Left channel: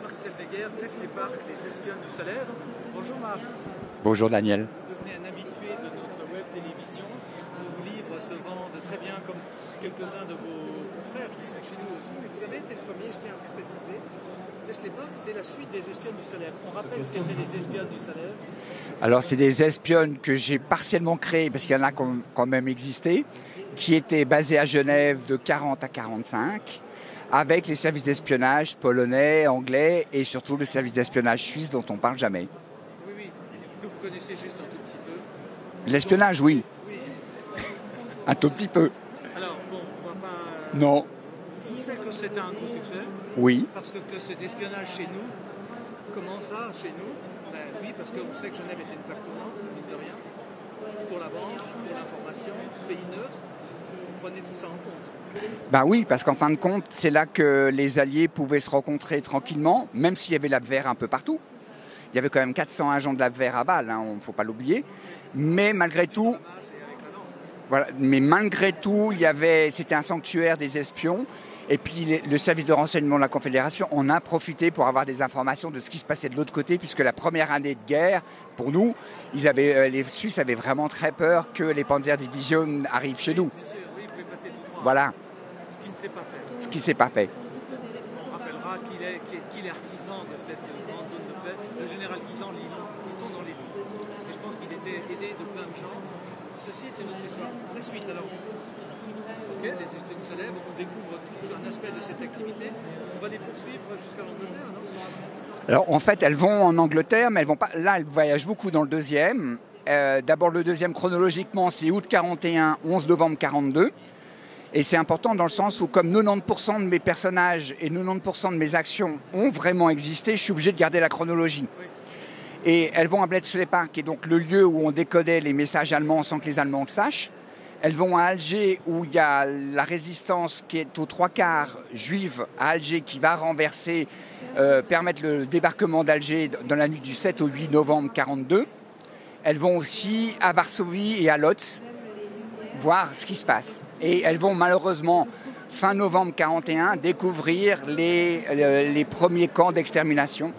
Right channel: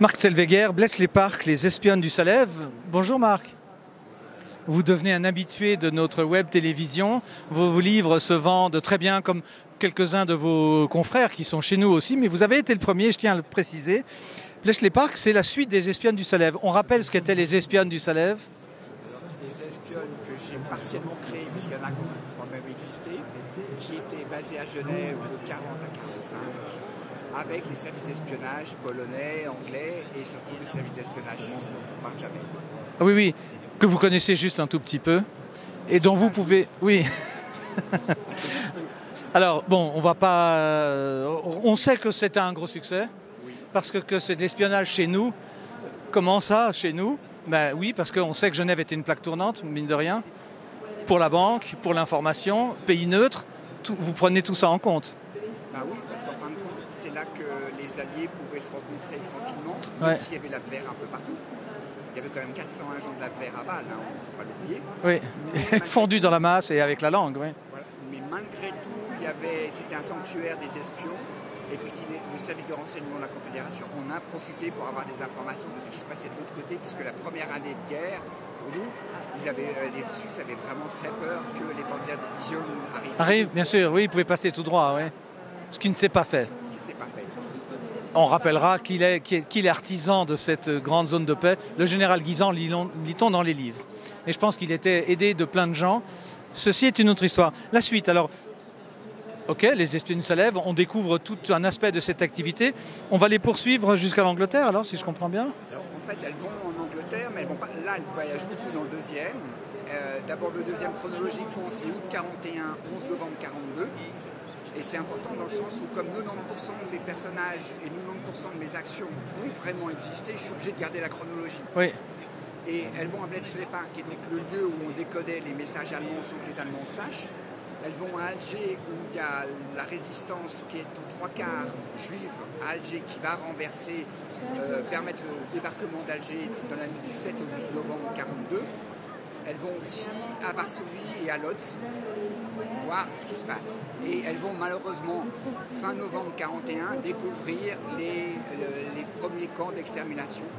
Marc Zellweger, Bletchley-Park, les espionnes du Salève. Bonjour Marc. Bonjour Daniel. Vous devenez un habitué de notre web télévision. Vos livres se vendent très bien comme quelques-uns de vos confrères qui sont chez nous aussi, mais vous avez été le premier, je tiens à le préciser. Bletchley-Park, c'est la suite des espionnes du Salève. On rappelle ce qu'étaient les espionnes du Salève. Alors c'est des espionnes que j'ai partiellement créées, parce qu'il y en a quand même existé, qui étaient basées à Genève de 40 à 45, avec les services d'espionnage polonais, anglais et surtout le service d'espionnage suisse dont on ne parle jamais. Oui, oui, que vous connaissez juste un tout petit peu. L'espionnage, oui. Oui. Un tout petit peu. Alors, bon, on va pas... Non. On sait que c'était un gros succès. Oui. Parce que c'est de l'espionnage chez nous. Comment ça, chez nous? Ben oui, parce qu'on sait que Genève était une plaque tournante, mine de rien. Pour la banque, pour l'information, pays neutre, vous prenez tout ça en compte. Ben oui, parce qu'en fin de compte, c'est là que les Alliés pouvaient se rencontrer tranquillement, même s'il y avait l'Abwehr un peu partout. Il y avait quand même 400 agents de l'Abwehr à Bâle, hein, il ne faut pas l'oublier. Oui, mais fondu dans la masse et avec la langue. Oui. Voilà. Mais malgré tout, c'était un sanctuaire des espions. Et puis le service de renseignement de la Confédération en a profité pour avoir des informations de ce qui se passait de l'autre côté, puisque la première année de guerre, pour nous, les Suisses avaient vraiment très peur que les Panzerdivision arrivent chez nous. Bien sûr, oui, ils pouvaient passer tout droit. Voilà. Hein. Ce qui ne s'est pas fait. Ce qui ne s'est pas fait. On rappellera qu'il est artisan de cette grande zone de paix. Le général Guisan, lit-on dans les livres. Et je pense qu'il était aidé de plein de gens. Ceci est une autre histoire. La suite, alors, ok, les espionnes se lèvent, on découvre tout un aspect de cette activité. On va les poursuivre jusqu'à l'Angleterre, alors, si je comprends bien? Alors, en fait, elles vont en Angleterre, mais elles vont pas. Là, elles voyagent beaucoup dans le deuxième. D'abord, le deuxième, chronologiquement, c'est août 41, 11 novembre 42. Et c'est important dans le sens où, comme 90% de mes personnages et 90% de mes actions ont vraiment existé, je suis obligé de garder la chronologie. Oui. Et elles vont à Bletchley-Park, qui est donc le lieu où on décodait les messages allemands sans que les Allemands le sachent. Elles vont à Alger, où il y a la résistance qui est aux trois quarts juive à Alger, qui va renverser, permettre le débarquement d'Alger dans la nuit du 7 au 8 novembre 42. Elles vont aussi à Varsovie et à Lodz voir ce qui se passe. Et elles vont malheureusement, fin novembre 41, découvrir les premiers camps d'extermination.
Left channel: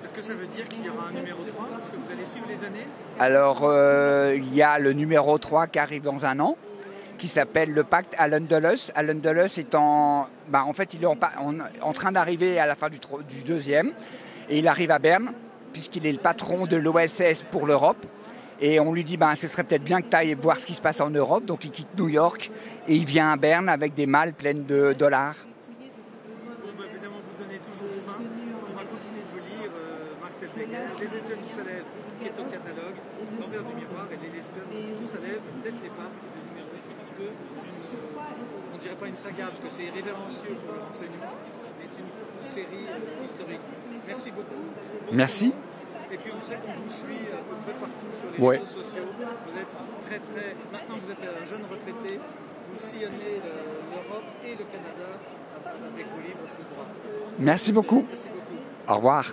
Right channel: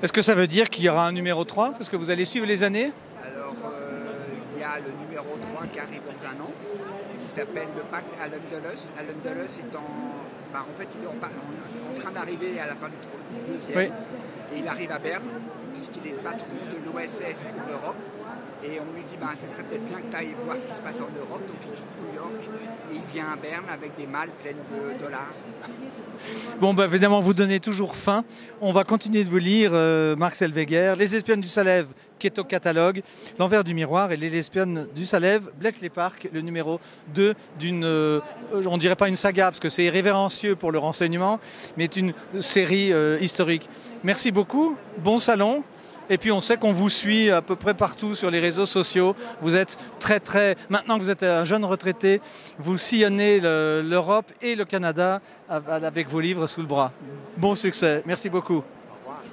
Est-ce que ça veut dire qu'il y aura un numéro 3? Parce que vous allez suivre les années? Alors, il y a le numéro 3 qui arrive dans un an, qui s'appelle le pacte Allen-Dulles. Allen-Dulles est en fait, il est en train d'arriver à la fin du deuxième. Oui. Et il arrive à Berne, puisqu'il est le patron de l'OSS pour l'Europe. Et on lui dit, ce serait peut-être bien que tu ailles voir ce qui se passe en Europe. Donc il quitte New York et il vient à Berne avec des malles pleines de dollars. Bon, évidemment, vous donnez toujours faim. On va continuer de vous lire, Marc Zellweger, Les espionnes du Salève, qui est au catalogue, L'envers du miroir et Les espionnes du Salève, Bletchley-Park, le numéro 2 d'une, on ne dirait pas une saga, parce que c'est irrévérencieux pour le renseignement, mais une série historique. Merci beaucoup, bon Merci. Salon. Et puis on sait qu'on vous suit à peu près partout sur les réseaux sociaux. Vous êtes maintenant que vous êtes un jeune retraité, vous sillonnez l'Europe et le Canada avec vos livres sous le bras. Bon Merci succès. beaucoup. Merci beaucoup. Au revoir.